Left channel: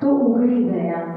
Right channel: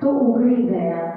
તો ઉઘડી ગયા.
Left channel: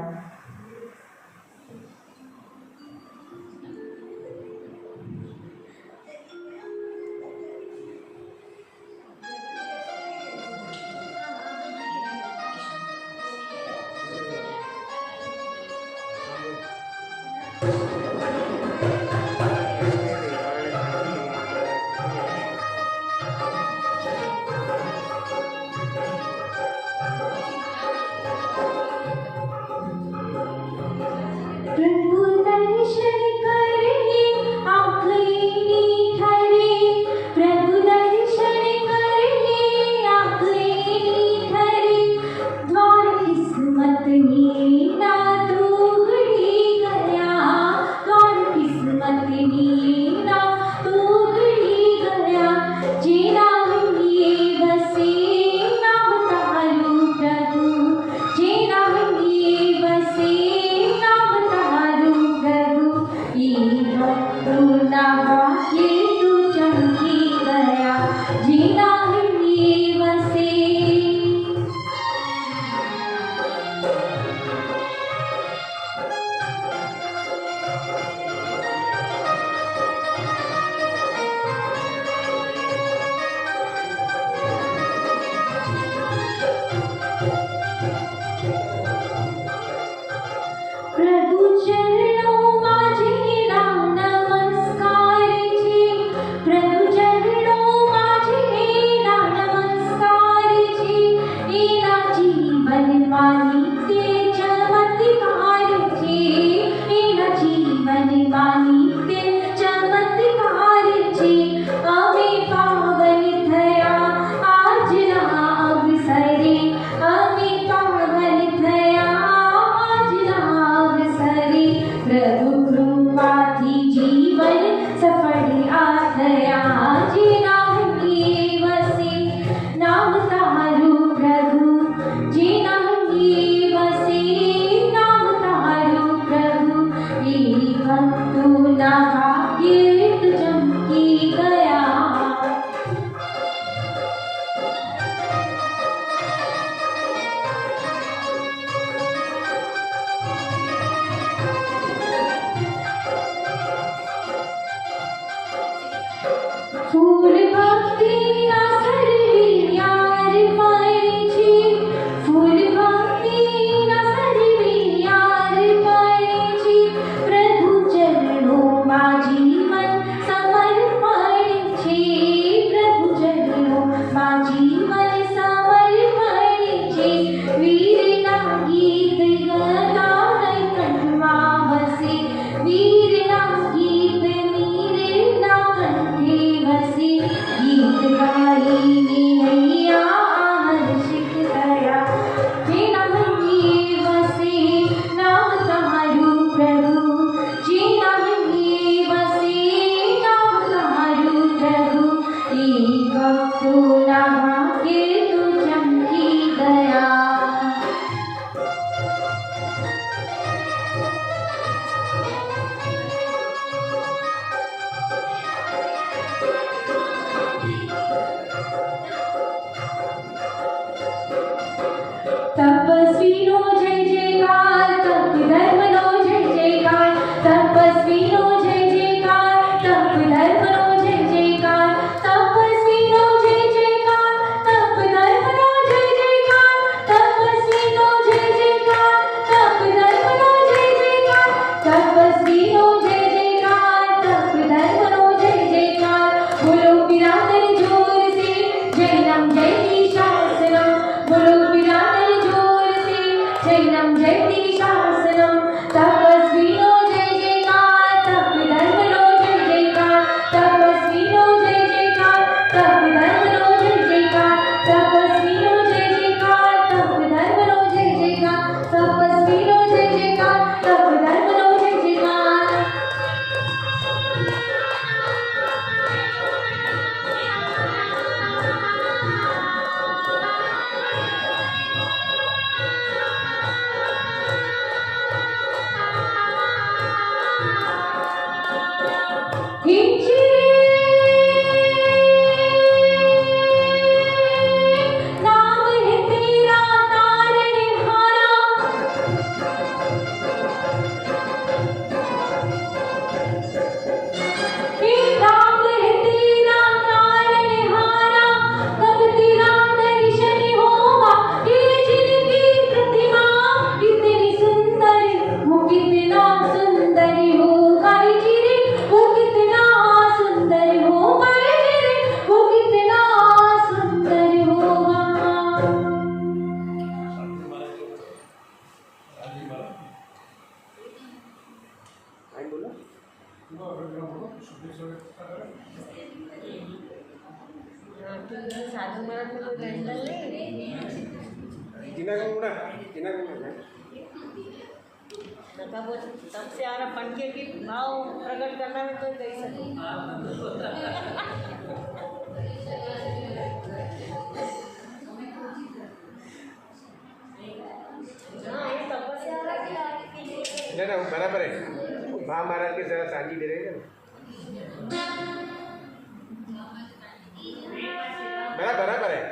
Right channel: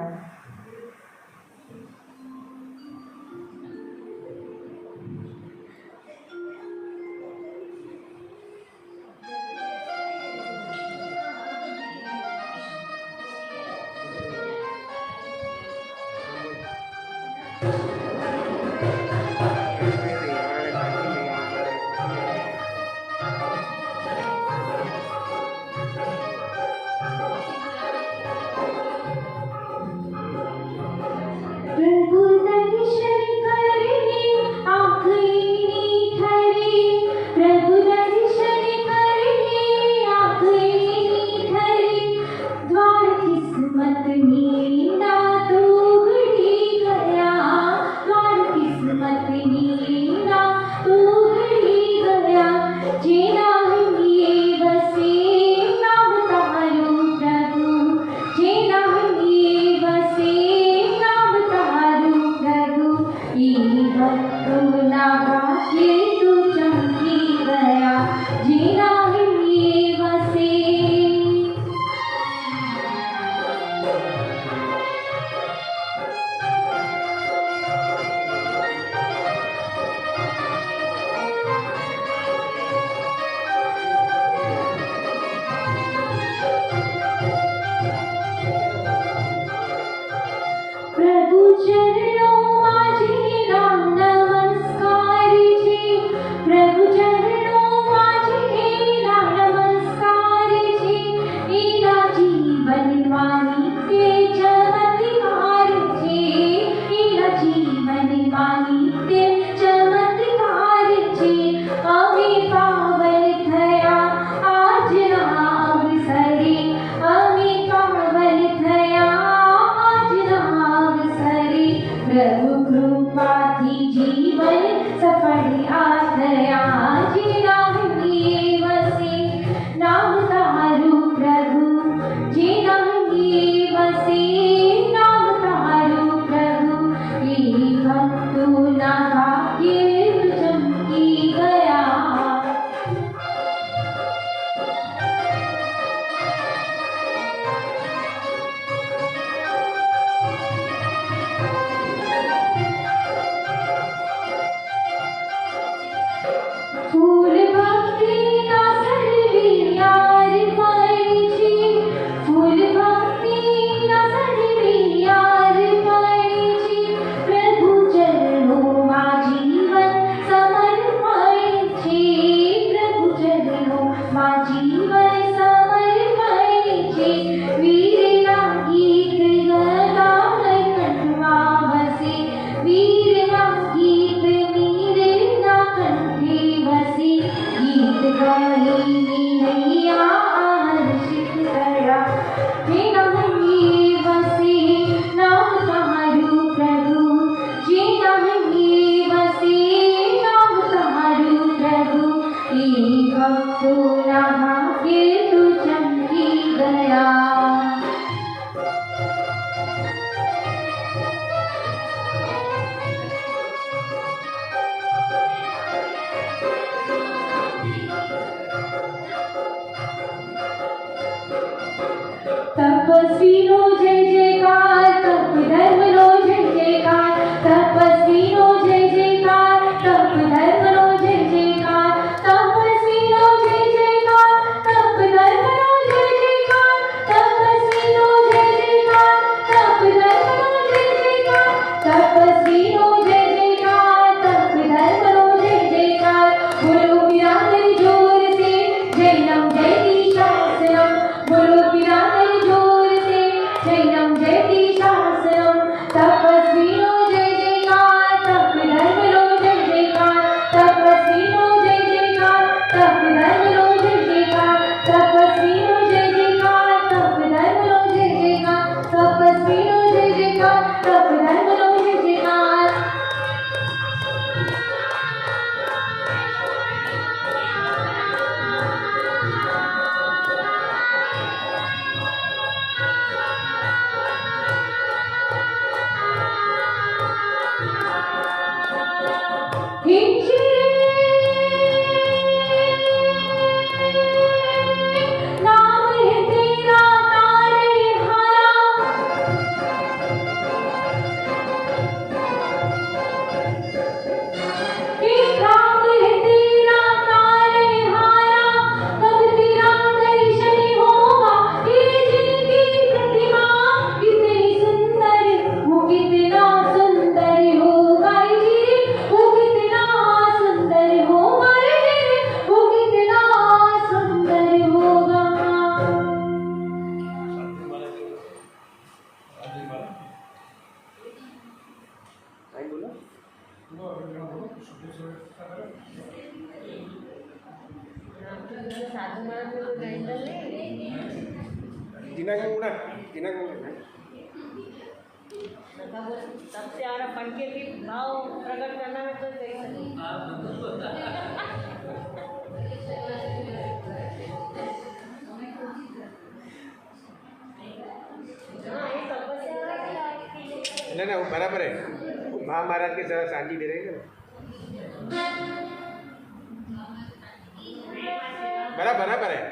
किना को है सबसे आना पंखे की भाव प्रकट करना है तो कैसे ना बराबर है महाराज के साथ सांझी दे रहे हैं बराबर है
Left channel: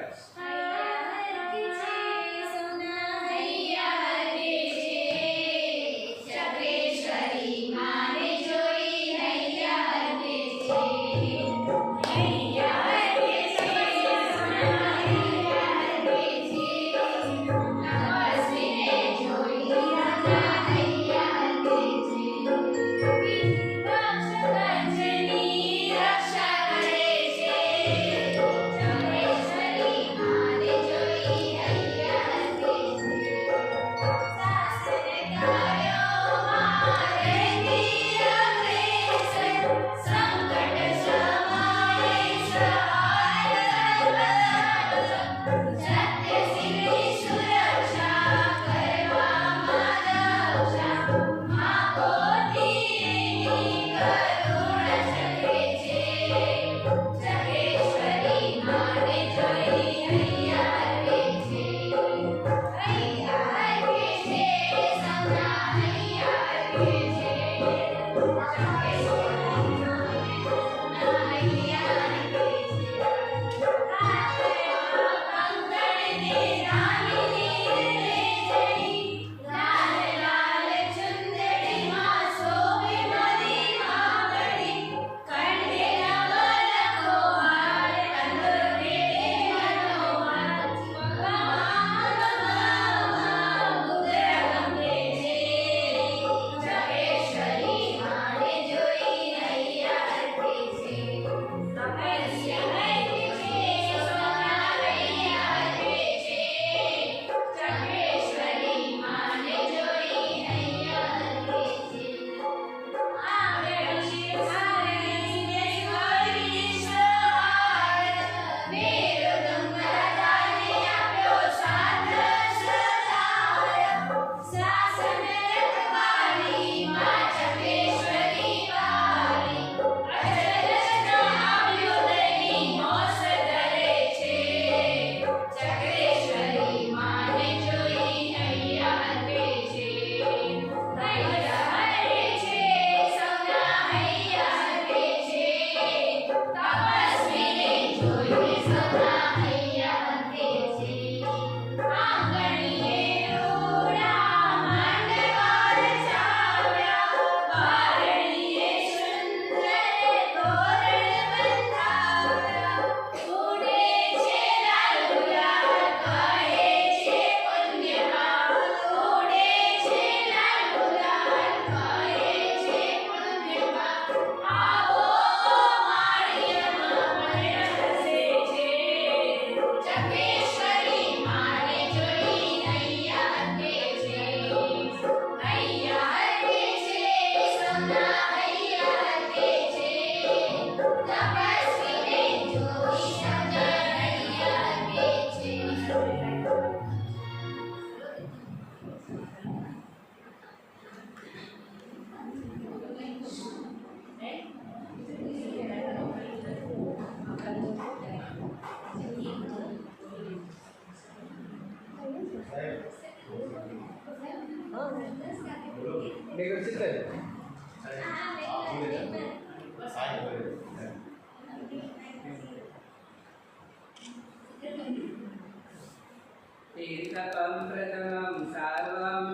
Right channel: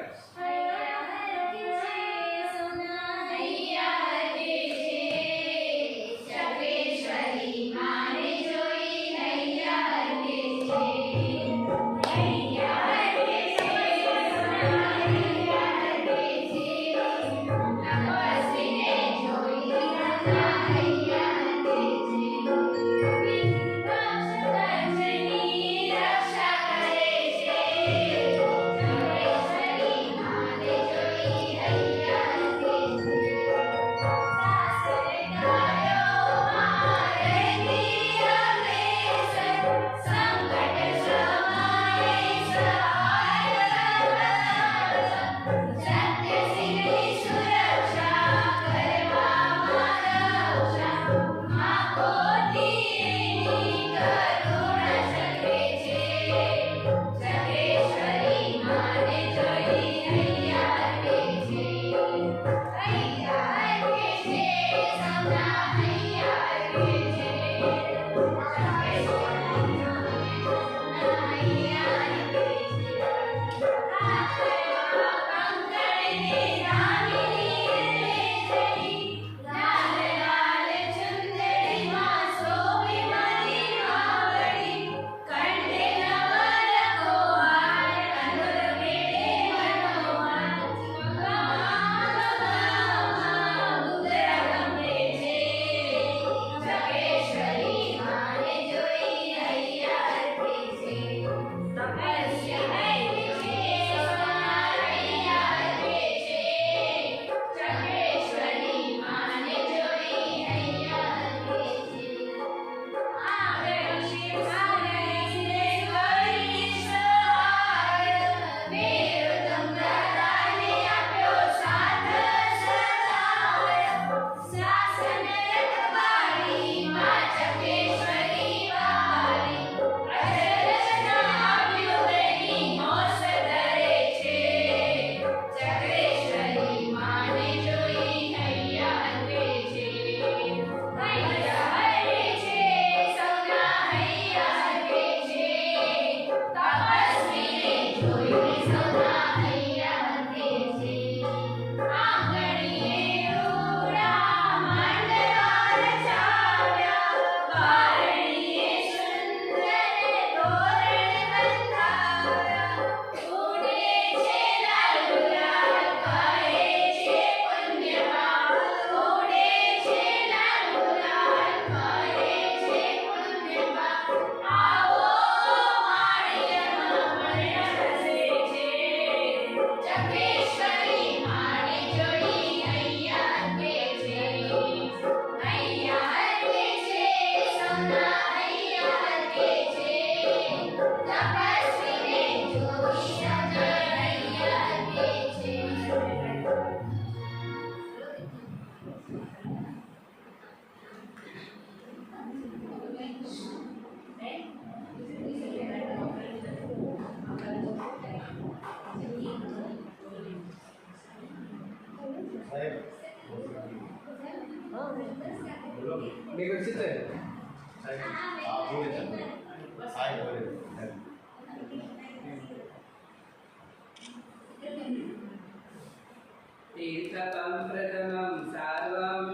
तीर्थकं प्रथमं सर्वं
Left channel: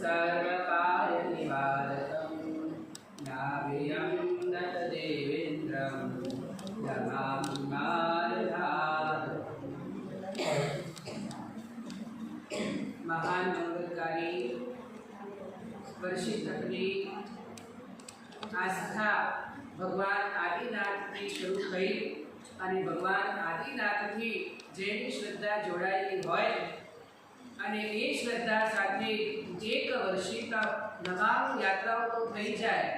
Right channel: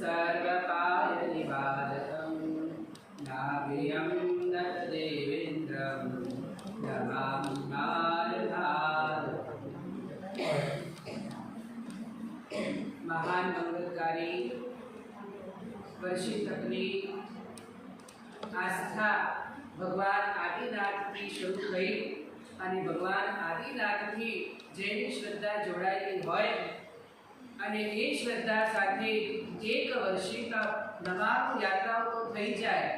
सर्वकार्यनिवारकं नाभियं नतदेवेन्द्रं नमामि भारतात्। महान मंगलकारी वर्षित अपनी आस्था भगवान आदिनाथથી શરૂ થઈ અને ભગવાન આદિનાથથી જેની શ્રદ્ધા જોડાયેલી હોય અને એ શ્રદ્ધા સાથે એક વર્ષિક નવાણું યાત્રાઓ તો થઈ જાય,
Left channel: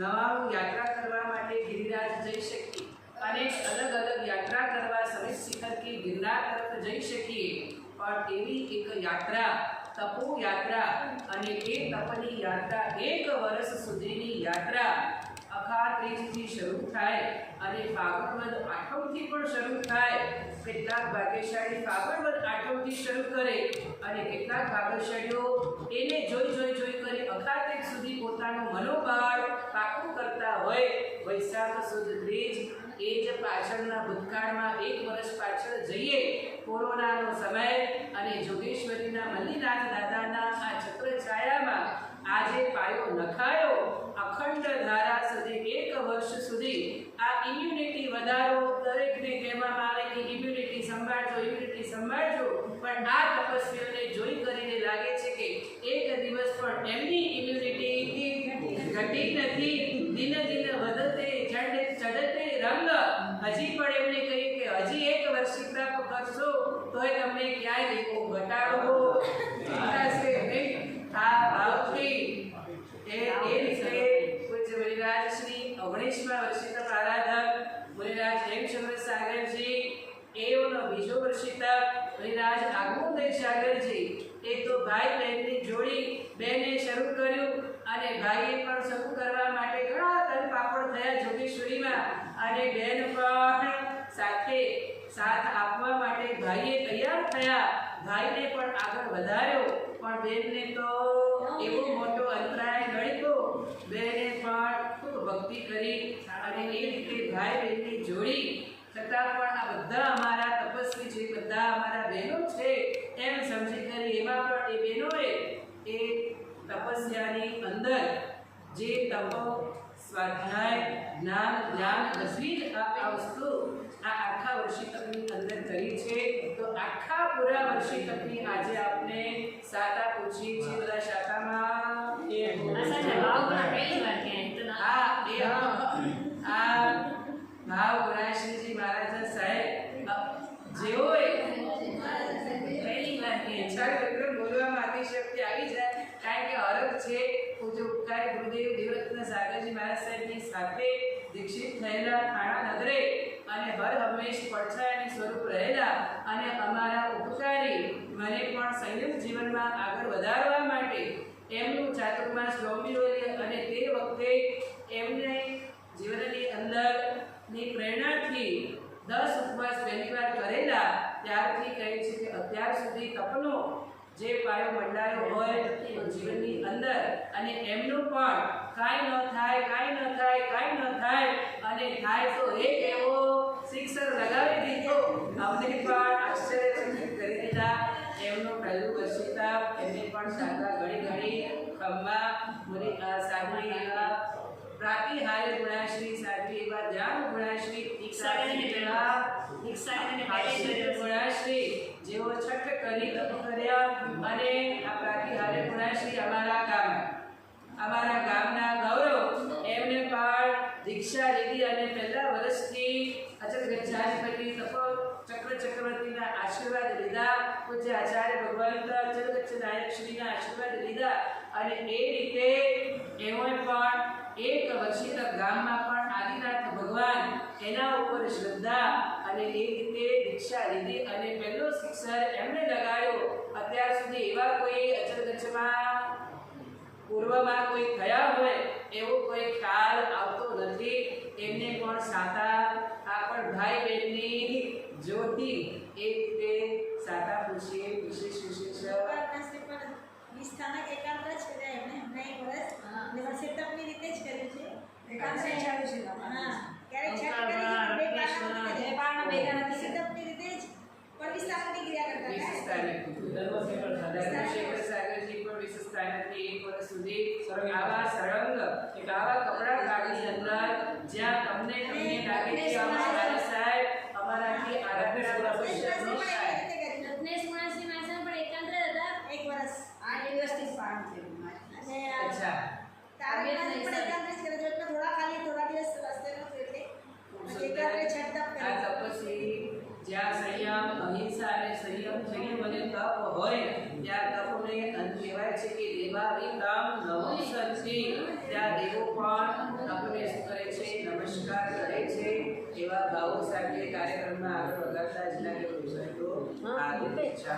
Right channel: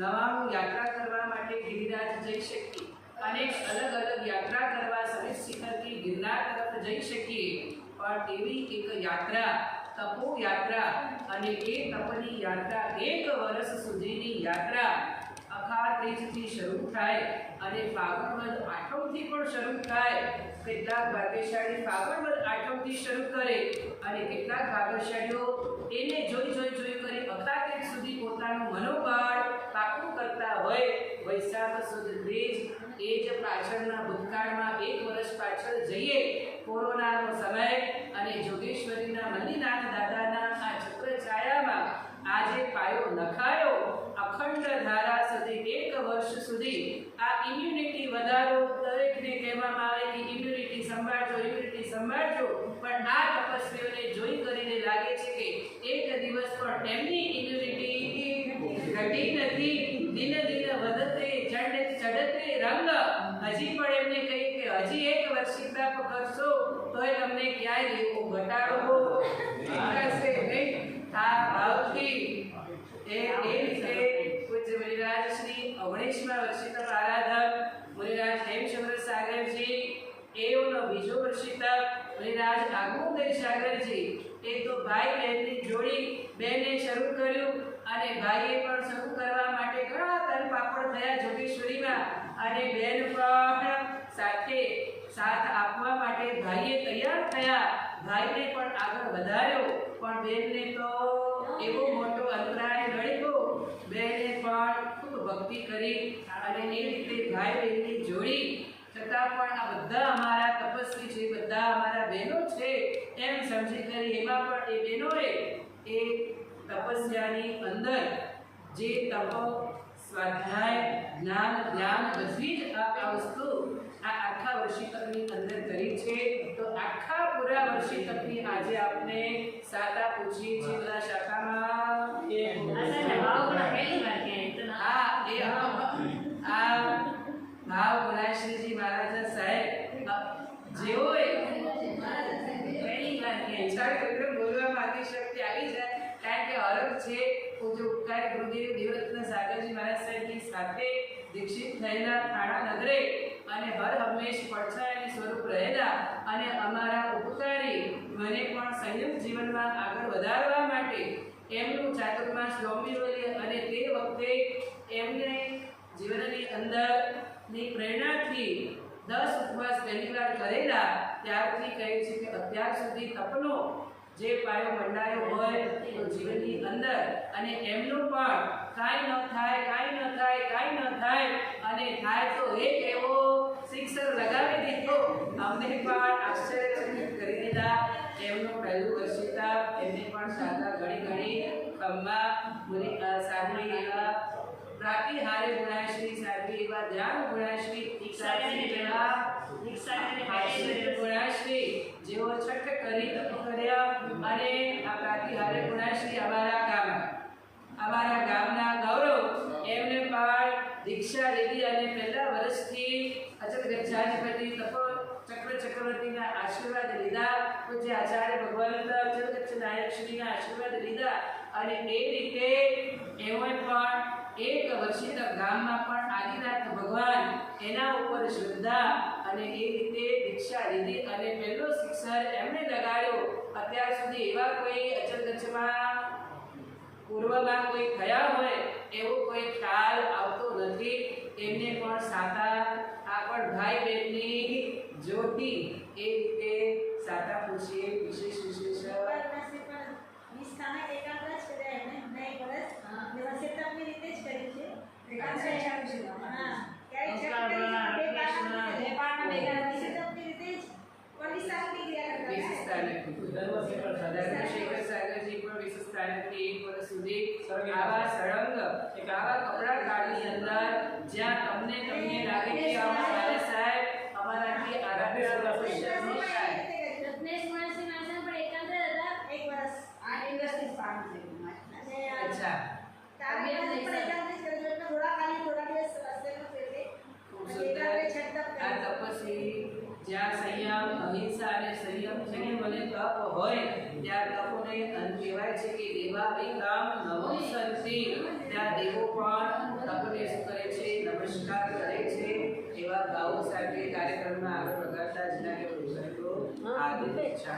નવાણું યાત્રા કરવા માટે ગિરિરાજ જઈ શકીએ અને અલગ અલગ યાત્રા કરવા સમિત શિખરથી ગિરનાર તરફ જઈ શકીએ, પણ એવી એક યાત્રા, તપોયાત્રા, અને એ તપની યાત્રા 1 વર્ષ સુધીની યાત્રા અખાર ત્રીજથી શરૂ થાય અને ફાગણ વદ આઠમથી પણ શરૂ થાય. કેટલાક ભાગ્યશાળી ફાગણ વદ આઠમથી શરૂ કરે અને કેટલાક ભાગ્યશાળીઓ એને જોઈ કરી અખાર ત્રીજ સુધી પોતાનું મનોબળ પાકું કરતા હોય. વૈશાખ સુદ ત્રીજ એ જ પાછળના ભૂતકાળમાં 1 વર્ષ પાછળ જઈએ, કોરોનાનો સમય અને જોગેશ્વરીના મલ્લીનાથ દાદાના આ છત્રછાયામાં આજે પાયો નખાયો. અખંડ ધારા સુધી 1 વર્ષ સુધી આ ઇમ્યુનિટી વધારો. દરેકને કહેવામાં આવે કે ઇમ્યુનિટી સંભાળજો, પણ આ તપસ્વીઓને જોઈ કરીને લાગે છે કે એક દિવસ પણ એમની ઇમ્યુનિટી ઘટી નથી. દિન વધતે ચઢતે રંગ. હજી પણ એમને કહીએ કે હજી 1 વર્ષ તપ કરશો તોય તમને ક્યાંય દેવો ઘટાડો થશે નહીં. આ ભાવથી એ રીતે પૂજ્ય મુનિરાજ શ્રી 19મા વર્ષિત આરાધક મુનિરાજ હેમચંદ્ર સાગરજી, એઓનો બીજો વર્ષિત મુનિરાજ આગમોદય સાગરજી, એ તો ભાઈ બહેનની જોડી બેને શરૂ કર્યું અને ભાઈએ પણ શરૂ કરવા માટે ઘણા તન પાપડ થયા જોગેશ્વરીમાં, અને બેન પણ સાથ આપવા માટે ભાઈએ તૈયાર થયા. ભાઈને પણ આગળ વધાર્યો, પણ બેનને તો એવો મોટો અંતરાય નડ્યો. બેને પણ ખૂબ ભક્તિ કરી અને એ રીતે ભાઈ બહેનની જોડી છતાં પણ આ બધા અમારા તપસ્વી છે, બધા અમારા બહેનો છે એમ સમજી કરી એમાં પણ એ બહેનોએ એ તપસ્યાની અંદર જે તપો, સ્વાધ્યાય, જ્ઞાન, ધ્યાન બધી જ આ વસ્તુ આ આખા વર્ષિતકની અંદર કરી છે. તો આખા પૂરા વર્ષિતકની આજે આપણે શાખા પૂછીએ છીએ. બધા શાખામાં આ ભાવ ગુણાશ્રીજી મહારાજ સાહેબ જેઓએ બોલવામાં અતિશક્તિ આવી જાય, કારણ કે હરખ છે. પૂજ્ય ઉપકાર ગુરુદેવ દેવરત્ન સાગરજી મહારાજ સાહેબની સાથે દીક્ષિત થયેલા થાણા નગરે અને હર હંમેશ પડછાયાની સ્વરૂપ રહેલા અને અમારા ઉપકારી મને પણ સંયમ જીવનમાં આગળ વધારવા માટે એમનું ચાતુર્માસ સ્વામીઓએ અને તે વખતે એમને જીવનની અંદરની પ્રેરણાથી 10 ઉપવાસ પહેલી વાર કરેલા, ત્યારથી કહે છે કે અત્યાર સુધી તપનો જે પાયો મંડાયો હોય તો જીવનની અંદર અને એમનું પણ કાંઈ ન થાય અને થાય તો એક એવો શિક્ષણ લગાવી દીધો. અમને પણ આશ્ચર્યચકિત કરી દીધા. એમનું પહેલું વર્ષિતા એમને પણ શાખા ઘણી ખંભા મુનિ સાધુ એવા પ્રાતિહાર્ય ગુણાશ્રી, સાધુ એવા ધ્યાન ગુણાશ્રી, ગુણાશ્રી જેઓ છઠ કરી તપ કર્યા અને આ પ્રાતિહાર્ય ગુણાશ્રી અમારા ગામના ગૌરવ, એમને પણ દીક્ષા લીધી અને પહેલા વર્ષથી અચલ ગચ્છાધિપતિ તપ ચક્રવર્તીના આશીર્વાદ લીધા. પૂજ્ય આચાર્ય ભગવંત અચલ ગચ્છ નાયક શ્રીના આશીર્વાદ લીધા અને એ રીતે એઓએ પણ 1 વર્ષિત ગામમાં પણ આદિનાથ ભગવાન એના ઉપર શ્રદ્ધા અને એ રીતે દીક્ષા લીધી અને પહેલો શિક્ષર એમણે લગાડ્યો. અત્યાર સુધી એવા કોઈ અચલ ગચ્છમાં પૂર્વમાં કોઈ થયા હોય એવો કોઈ ખ્યાલ આવતો નથી. એમને પણ સાતા આ પણ ભાઈ બહેનની જ્યોતિ એ રીતે સાતા પૂછીએ. વિશેષ સ્થાનક એકાંતરા જ કર્યા એમણે હમણાં 1 વર્ષ વ્યવસ્થિતની રીતે જ કર્યું છે. હા, ક્યારેક સાગરજી પણ વિશેષતાની 1 વર્ષ સુધી આવા સળંગ આવા કપડા ગાડીની અંદર જ્યાં તમને લાગે કે અમારા સાહેબ અમારાથી આરાધના જ્યાં સંયમ, અહિંસા અને સંયમ થઈને મને તપ હોય ત્યાં તપને કહેવાય છે કે દેવાવિકામ નવમ સંતિ. ત્યાં દેવો પણ તપને શું કરે છે? નમસ્કાર કરે છે. એવા ભાવો સાથે કાર્યક્રમમાં આગળ વધારતા જ લાગે. આ દીક્ષા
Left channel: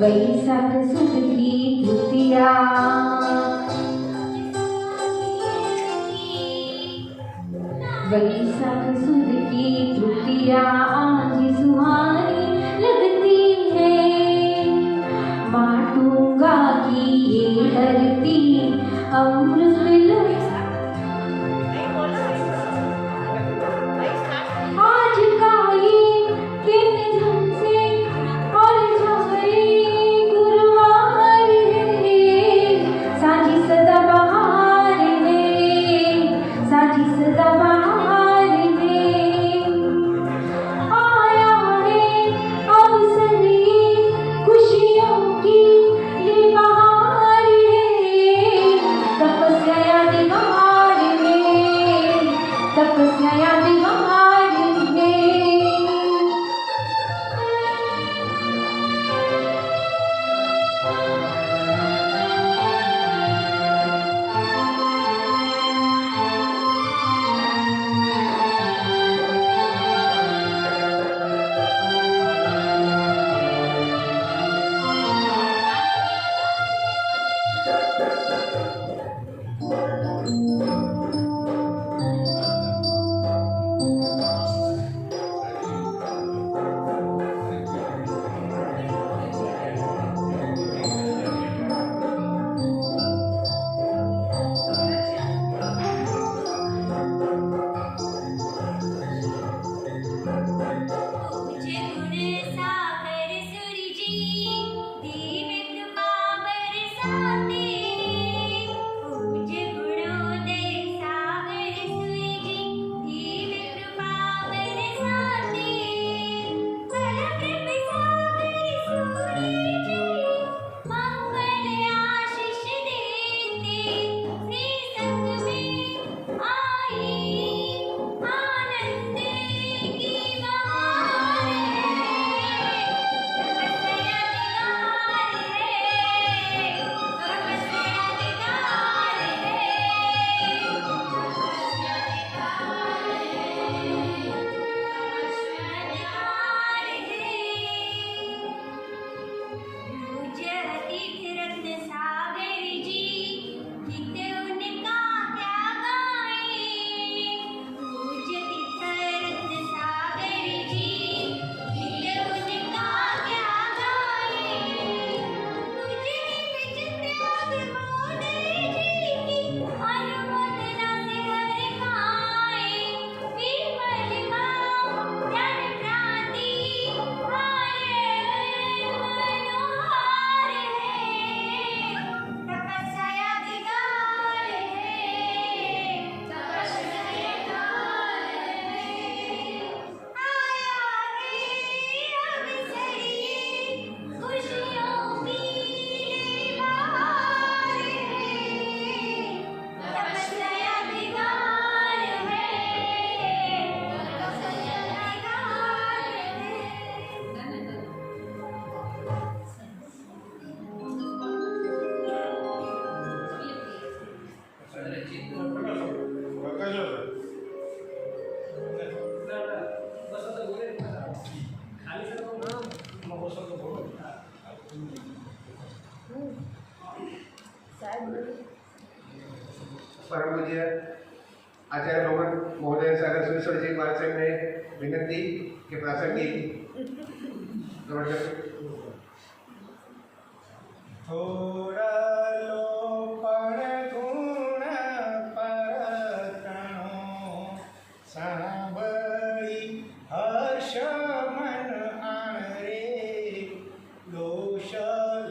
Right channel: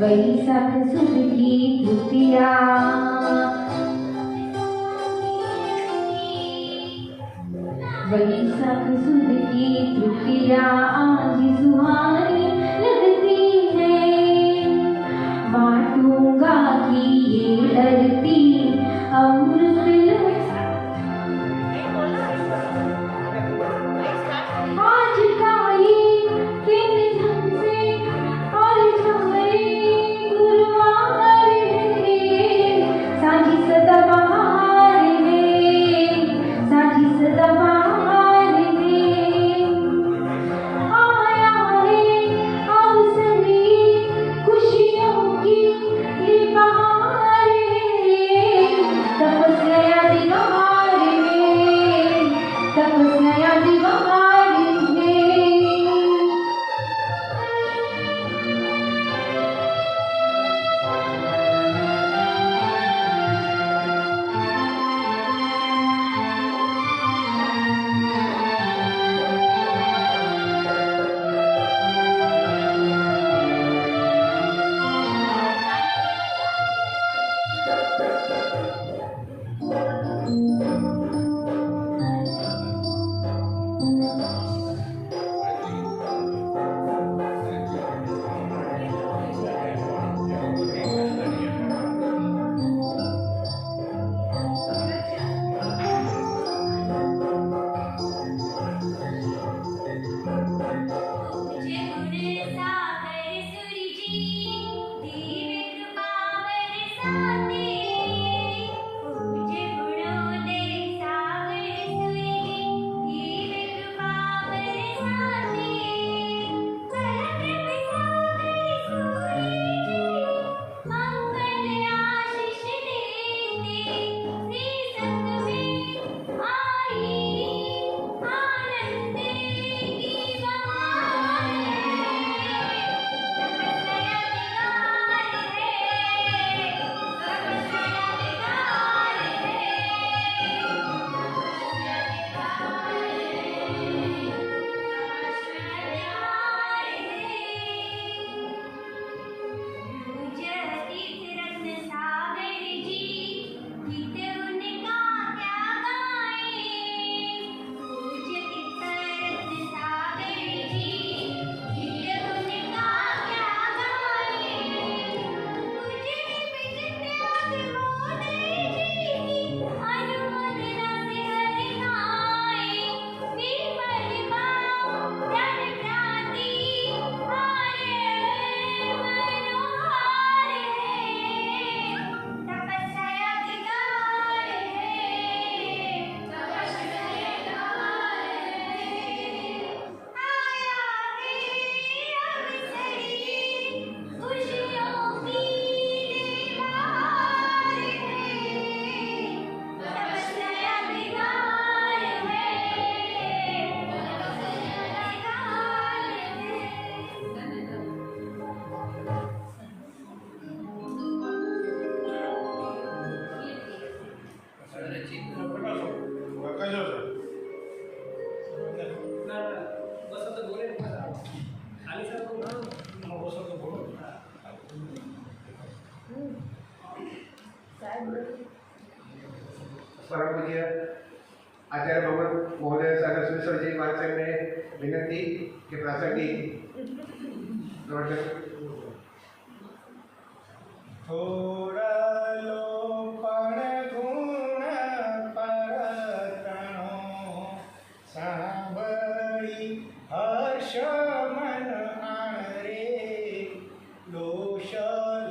वैशाख सुद की तृतीया वैशाख सुद की तृतीया आज सुहानी लगती है। बाटूंगा की ये धरती अमृत आज का ये दिन तुमसे और झमरे गुरुवार है। साझी सदा बहार है, साझी सदा बहार है। आया है પૂજ્ય આચાર્ય ભગવાન મહોદય સાગર સુરેશ્વરજી મહારાજ સાહેબને વિનંતી કે પ્રાસંગિક થોડલો પણ ગુણ પરતણો સાંભળી હર્ષ મન આણ રે દોષ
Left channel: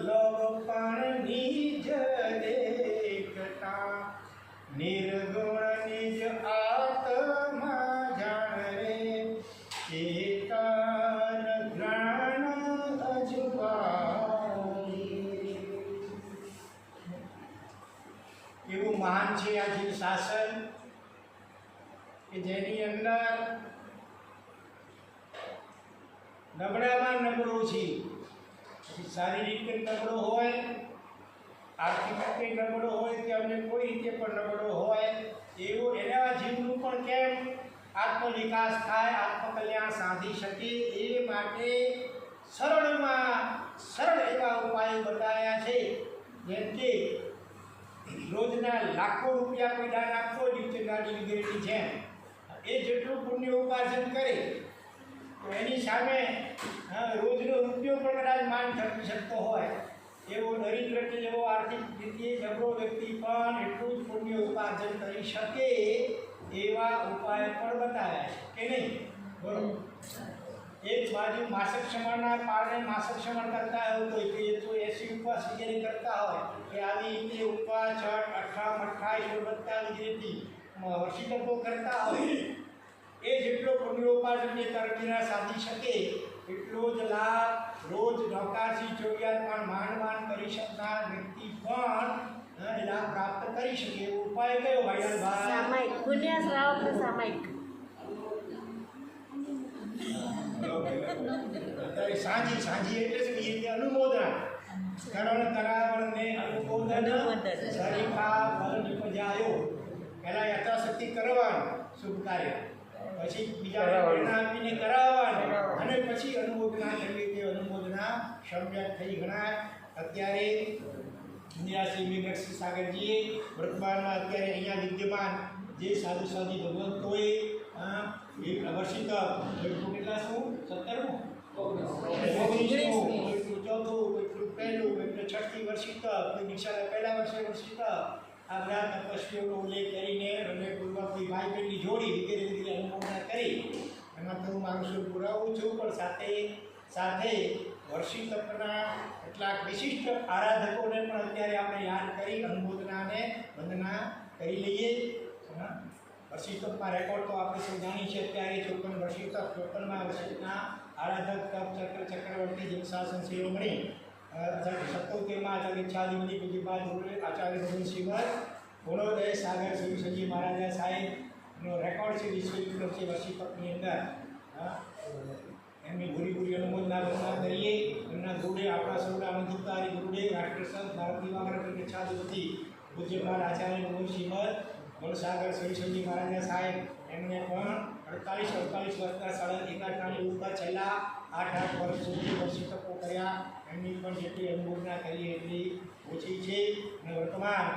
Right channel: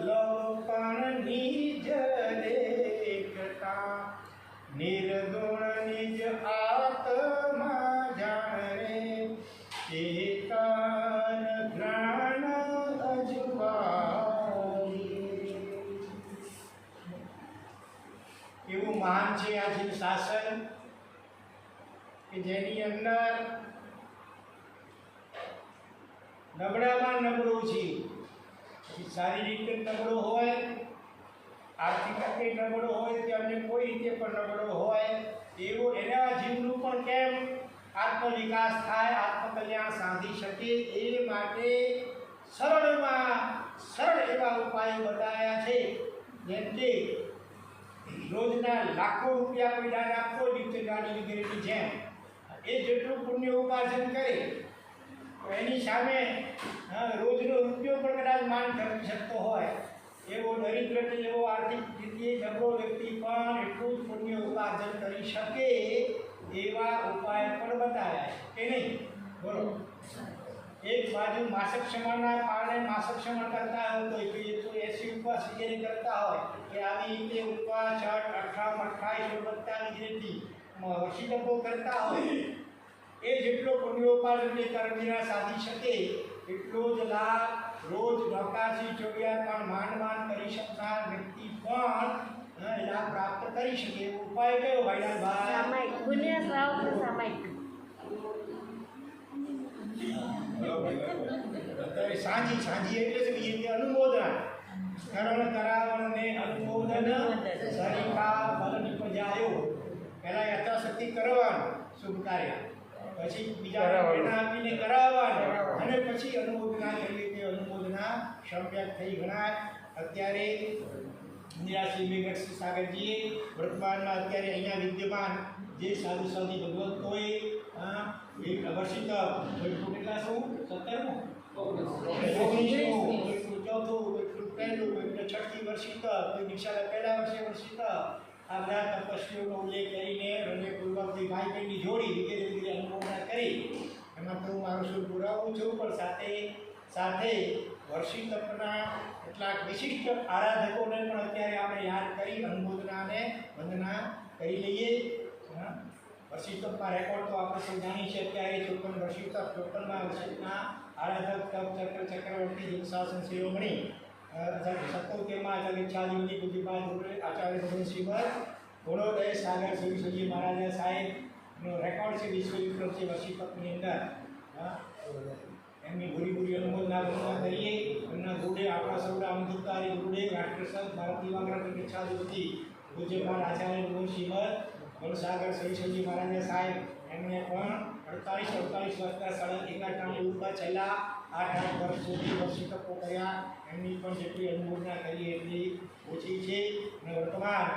લવ પણ નિજ દેખતા નિર્ગુણ નિજ આત્મા જાણ રે ચેતન જ્ઞાન અજવાય. એવું મહાન છે આ જીવ શાસન કે જેની અંદર નબળામાં નબળો છે. પછી શારીરિક નબળો હોય, આર્થિક રીતે નબળો હોય કે અન્ય કોઈ રીતે પણ નબળો હોય એવો એના જીવનું પણ કેમ આત્મવિકાસ થાય, આત્મકલ્યાણ સાધી શકે એ માટે સરળમાં સરળ એવા ઉપાયો બતાવ્યા છે. જેમ કે રોજના લાખો રૂપિયા કોઈ દાન આપતો દિવસે ગાડી વગેરેની જેમ એ જેટલું પુણ્ય ઉપાર્જન કરે તો એની સામે રોજનો રૂપિયો પણ કદાચ માન ખર્ચી શકતો હોય એવો દરિદ્ર કે એવો આર્થિક રીતે નબળો વ્યક્તિ પણ એટલું જ પુણ્ય ઉપાર્જન કરી શકે એવા ઉપાય પણ બતાવ્યા છે કે નહીં? બોલો. એક બાજુ માસક ક્ષમણના પારણે માસક ક્ષમણ કરતા હોય તો 180 ઉપવાસ વગેરે કરતા હોય કે આવી રીતે ઉપવાસ 6, 18, 28, 27 જેથી વર્ષી તપો કરતા હોય એ જેટલો પુણ્યોપાર્જન કર્મીના સાધી શકે એટલો જ લાભ રોજ નોકારથી 24 માંડ કરી શકનાર વ્યક્તિ પણ લાભ પ્રાપ્ત કરી શકે. એવો ઉપાય કયો ભાઈલાલભાઈ? અત્યારે સાંજી એટલે શું? એ અનુમોદના કરણ કરાવણ ને અનુમોદન સરિકા બલ નિપજાયો. પહેલા યથાશક્તિ કરવાનું શુભ કાર્ય, પછી બીજા પ્રેરણા આપીને કરાવવાનું અને પછી અનુમોદના કરવી તે અનુમોદના સમ્યક થઈ ગણાય. અત્યારે નિરાશ્રી મેઘરક્ષી સાગરજીએ વર્તમાનમાં અત્યારે અહીંયા વિદ્યમાન જે સાધુ સાધી ભગવંતોએ વર્ષિત કેટલા શું 17મું 19મું કોઈકનું 4થું કોઈકનું 1લું કોઈકનું 6ઠી વર્ષિત કોઈ દીક્ષાના પહેલા વર્ષે વર્ષિત આ બધા તપસ્વીઓનો ઉલ્લેખ કરીને હૃદયપૂર્વકથી ભાઈ બહેનની જોડી વગેરે વગેરે અનુમોદના કરી એમાં તો હું મારું શું પુરાવું છું. પણ સાથે સાથે વર્ષી તપના કેટલાક વિશિષ્ટ આરાધકોને પણ અત્યારે આપણે યાદ કરી અનુમોદનાને વંદના કરી લઈએ. વર્ષી તપના રેકોર્ડ તો આપણે સૌ જાણીએ છીએ. અત્યારે 54 વર્ષી તપ 54મા વર્ષના આરાધક તપ ચક્રવર્તી જીવશાસન શિરોમણી 77માં આચાર્ય ઈચ્છાધિપતિ પૂજ્યપાદ આચાર્ય ભગવાન શ્રીમદ ગુણોદય સાગર સુરેશ્વરજી મહારાજા સાહેબનો રેકોર્ડ છે. વિશ્વ વિક્રમ છે વર્ષી તપની અંદર. એમની પૂરી અનુમોદના વંદના કરીએ. એમના ગુરુડે આપણા સૌના અનુભવકારી ગુરુડે રાષ્ટ્રસંત ભારત દિવાકર ઈચ્છાધિપતિ પૂજ્યપાદ આચાર્ય ભગવાન શ્રીમદ ગુણસાગર સુરેશ્વરજી મહારાજા સાહેબ એમને પણ 48 વર્ષના સળંગ એકાટાની ઉપર છેલ્લા 8 વર્ષ સુધી વર્ષી તપો કર્યા. એમની પણ જેટલી અનુમોદના કરીએ એટલી ઓછી છે. અને વર્તમાન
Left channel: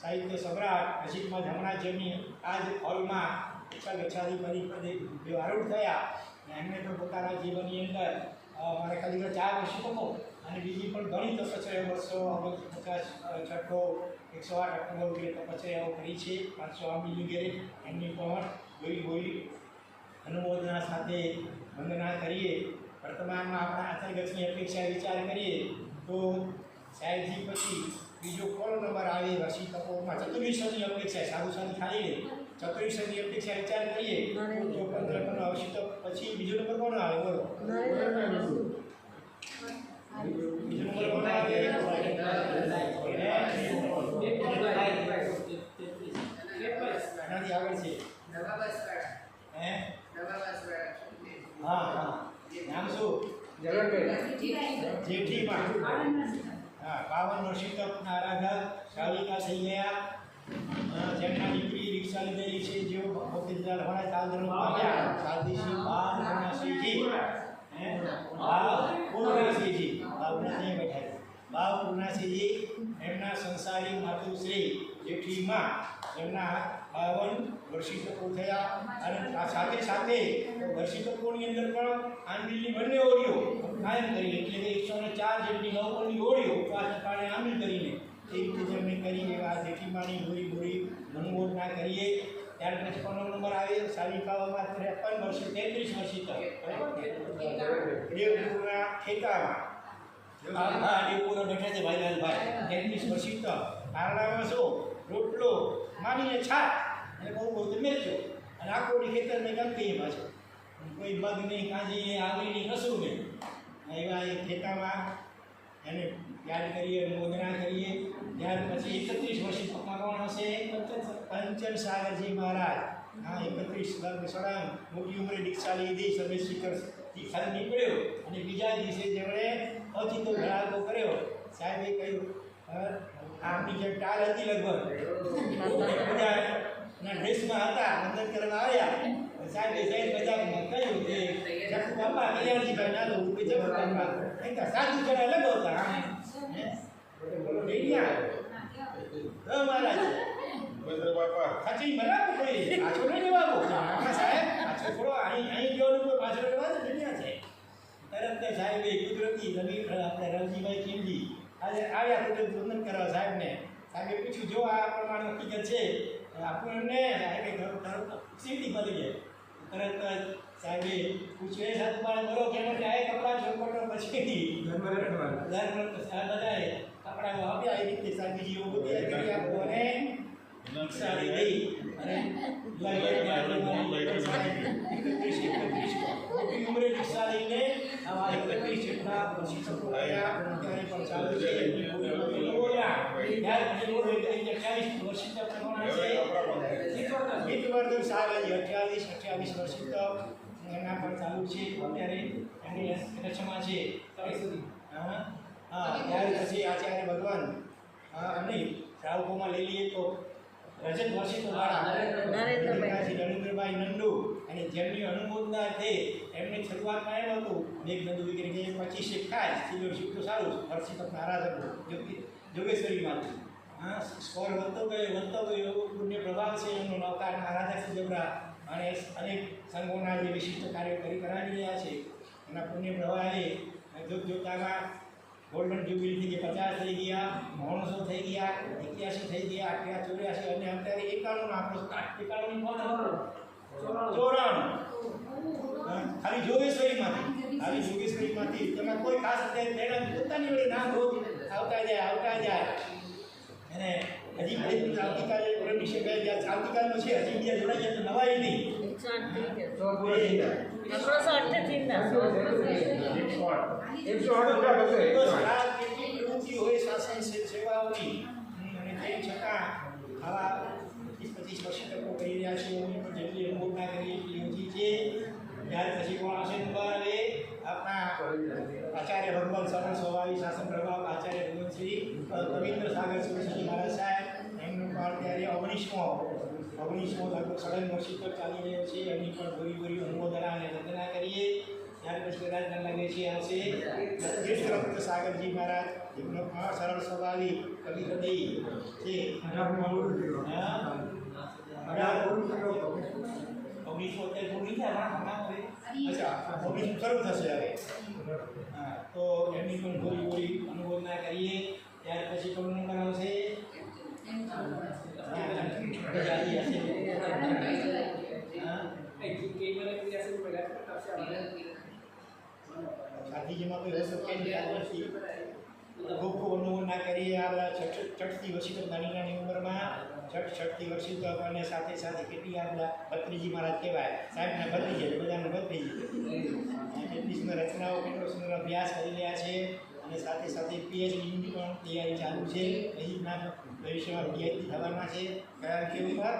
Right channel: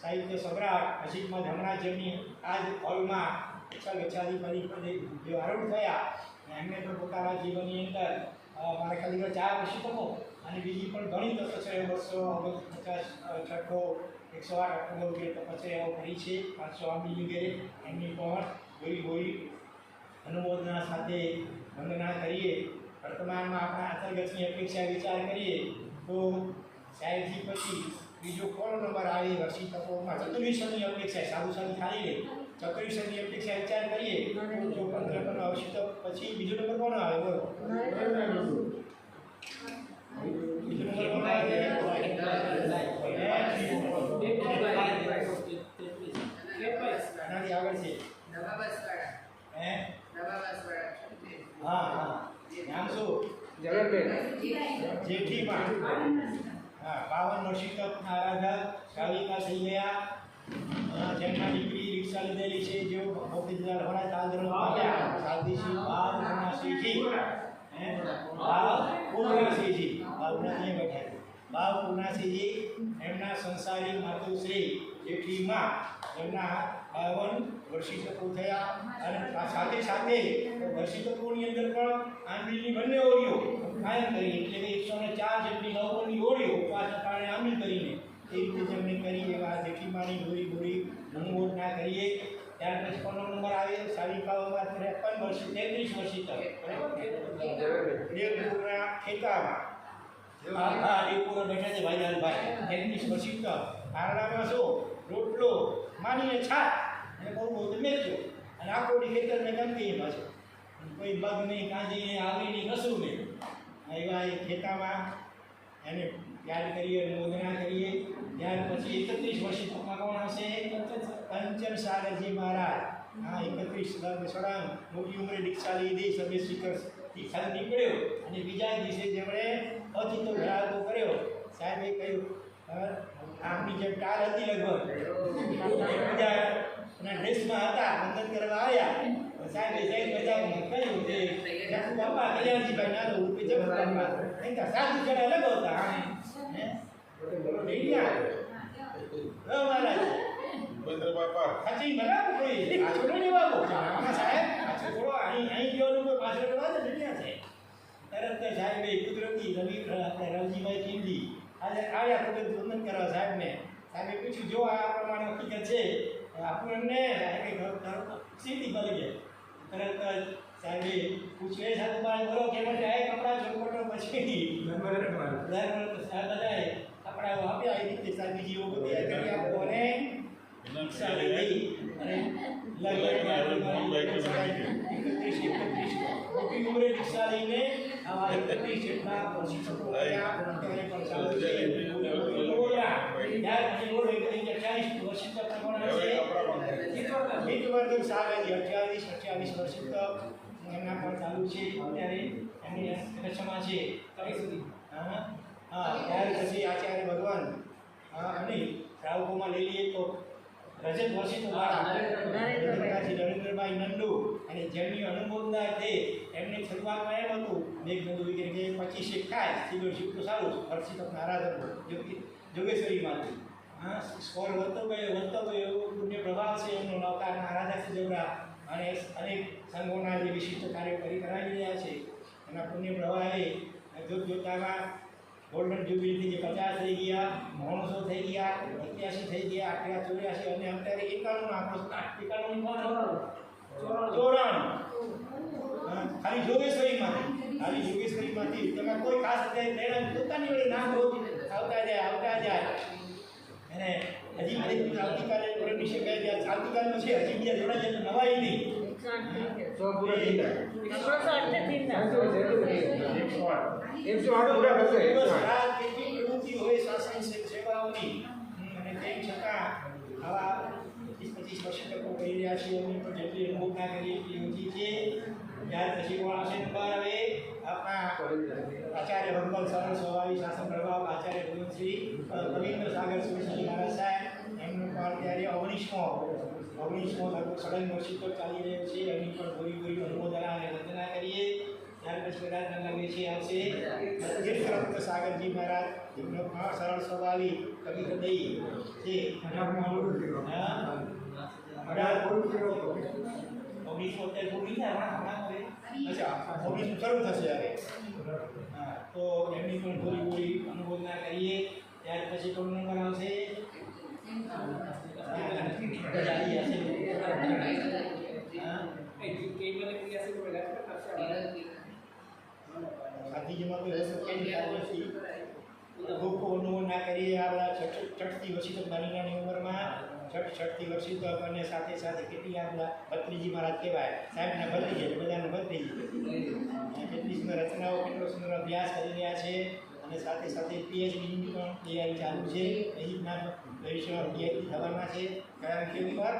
સાહિત્ય સમ્રાટ અજીતમાં હમણાં જેમની આ જ હોલમાં ગચ્છાધિપતિ પદે જે આરૂઢ થયા એમને પણ પોતાના જીવનની અંદર મારે ખાલી 4 વર્ષી તપો અને બીજી પણ ઘણી તપસ્યાઓ 250 છઠ્ઠો 108 અઠ્ઠો વગેરે તપસ્યાઓ કરી છે. 500 આંબી વગેરે એમની પણ ગોરી અનુમોદના સાથે વંદના કરીએ. વર્તમાનમાં આપણા અંતર્ગતની અપેક્ષા વિચાર કરીએ તો સાહેબજી પછી બીજો કોનો નંબર આવે વર્ષી તપોમાં? 2400ની અપેક્ષા. સાધુ સાધુ ખાલી લે 2400ની અપેક્ષા વિચાર કરીએ તો 54 વર્ષી તપ પછી બીજો નંબર કોનો આવે? બોલો. બીજો નંબર કોનો આવે? આગળ છે હા નામ શું? જેઠીમાં. હા 52 વર્ષી તપના આરાધક સાવિકા થઈ ગયા. જેમના દીકરી રિક્ષા લીધેલી છે જેઓ મોતીલાલ હોણા તાલધર્મ પામ્યા. સાદીશ્રી ભાવ પૂર્ણાશ્રીજી ભાવ પૂર્ણાશ્રીજી એમના સંસારી માતુશ્રી જેઠીમાં એમના 52 વર્ષી તકો થયા અને સાથે સાથે વર્ષી તકોની અંદર પણ આંબીલની બંને ઓળીઓ કાયમ કરી એટલે કે 104 જેટલી નવકોની ઓળીઓ ઉપવાસના કારણે આંબીલ કરીને એ રીતે જેમણે કરી એવા જેઠીમાની ભૂરી અનુમોદના કરીએ. ત્યાર પછી 15 નંબર આવે સાલિકાઓમાં 53 વર્ષી 33 વર્ષી તક દેવપુરના ખેતામાં દેવપુરા બેઠા છે ભાઈલાલભાઈ 33 વર્ષી તક કારણામાં શું રોટલો માનીને છાટ અને બહુ મેચો અને આખોડી ખેતરને ગમતી પાછો કોઈ બગ નહીં કાંજી નહીં આગળી નહીં કશું નહીં એવા એ ખેતામાં એને યાદ કરીએ અનુમોદના કરીએ. ત્યાર પછી 31 વર્ષી તકમાં કોણ હશે? કંચન સાગરજી મહારાજ. હા 31 સળંગ મોટી ઉંમરે દીક્ષા લીધી સભે શિખરથી ખાલી નીકળ્યો અને બીજા દિવસે જેમણે અચિતો ધડાકો કર્યો સાહેબે કહ્યું આમની જેમ ટાલ હતી લગભગ પૂજાના ડ્રેસમાં હતા વંદન કરવા આવ્યા સાહેબે મજાકમાં કહ્યું કે જખુ બાપા કલ્યાણજીભાઈ નાનો રૂપે જખુ બાપા એમ સાધુ જણા લગાવતા આમ બોલો ડેડિયા મહારાજ સાચી બરાબર કોઈ આછો ન લેવાવો આમાં સાહેબ આછો થોડો અહીં ગયો કોઈ પાછળ લેવા તો ડેડિયા છે. તરત સાહેબે કુદરતી આપણે રવજીભાઈ ચીમજી આજે આવ્યા કુદરત વંદન કરવા સાહેબને. સાહેબે પૂછ્યું જો આ પ્રમાણે હકીકત છે આપણને સાહેબે સીધી મળી ગયા. તરત સાહેબે પૂછ્યું એ સાહેબ બોલો કે માટે આ કપડાં છોટપટો પછી બધાએ કપડાઓ આપ્યા એ રીતે સાહેબજીઓ બધી કરી આપો અને દીક્ષા લીધી અને લગભગ મોટી ઉંમરે દીક્ષા લઈને આવા 31 જેટલા વર્ષી તકો રહ્યા અત્યારે પણ ચાલુ છે. ત્યાર પછી બોલો 28 વર્ષી તક કોણ છે? હિતવર્ધન સાગરજી 28 વર્ષી તક એમના પણ ચાલુ છે અત્યારે એમની કચ્છમાં છે. હા ત્યાર પછી આચાર્ય ભગવાન અને શ્રાવકોમાં લઈ લઈએ તો રજત વર્ષી તો નરેન્દ્રભાઈ નંદુ અને જેમની અનુમોદના છે એમને શરૂઆતમાં એમ હતું મેઘ નંદુ વગેરે કે 25 થાય સિલ્વર શિપ તો સારું વર્ષી તો આરાધન જોગેશ્વરીમાંથી. હા સ્કોર વધતો ગયો એવો પુણ્ય પ્રભાવ છે એમનો નવકારના આરાધક છે જબરા અને અનેક સંઘોના જે વિશિષ્ટ કાર્યો કરાવી રહ્યા છે એના પુણ્ય પ્રભાવે જોતામાં ગોલ્ડન જ્યુબિલી જે 50 થઈ ગયા 900 થઈ ગયા 81 થઈ ગયા 88 84 અને અત્યારે 91 આંકડો 91 કોણ 94 ખાલી જોગેશ્વરીમાંથી તમે કોઈ ખાસ અત્યારે પ્રેરણા પોતાની વળી નામ રોજ આવતા જાય અને હજી બધી આવતીકાલે પરમિશન કહે કે આવતીકાલનો છે હજી બીજા જોડા જાય તો નવાઈ નહીં. કેટલી પ્રવૃત્તિ હોય શાસન સેવાઓની અને તેમ છતાં આવા 25 વર્ષ તકો કરી રહ્યા છે એમની પણ જેટલી અનુભવના કરી એટલી ઓછી છે. ત્યાર પછી કોણ આવશે નંબર હવે આપણા આચાર્ય ભગવાન સરળ સ્વભાવી શાસન પ્રભાવ આચાર્ય ભગવાન શ્રી કવિન્દ્ર સાગર સુરસિંહ મહારાજ સાહેબ એમનું પણ અત્યારે 19મો લગભગ 97 વર્ષ તક ચાલી રહ્યો છે. એમની પણ ભૂરી અનુમોદના અને વંદના કરીએ. ત્યાર પછી કદાચ ન લાગે છે આવશે તીર્થરત્ન સાગરજી મહારાજ એમનો પણ સરળ સ્વભાવી કવિ હૃદય છે. 1970 પૂરી થાય હમણાં અચ્છા 19 શરૂ થશે હવે. હા તો એમની પણ ભૂરી અનુમોદના કરીએ. ત્યાર પછી કોણ નંબર આવશે? સાધીજીમાં કોઈ રસ નથી ખૂબ અનુમોદના કરીએ. આપણા 66 વર્ષી તક નાની ઉંમરમાં 66 વર્ષી તક અને સાથે કેટલી આપણા ભત્રીજી મહારાજ કહેવાય સાહેબના ભત્રીજી બધાના ભત્રીજી કેટલી સુંદર રચનાઓ કેટલો સુંદર અભ્યાસ કરી રહ્યા છે અને સાથે પીએચડીની પણ તૈયારી ચાલુ છે. અહીંના ભવિષ્યમાં પીએચડી થવાના છે. કારણ કે ઉપર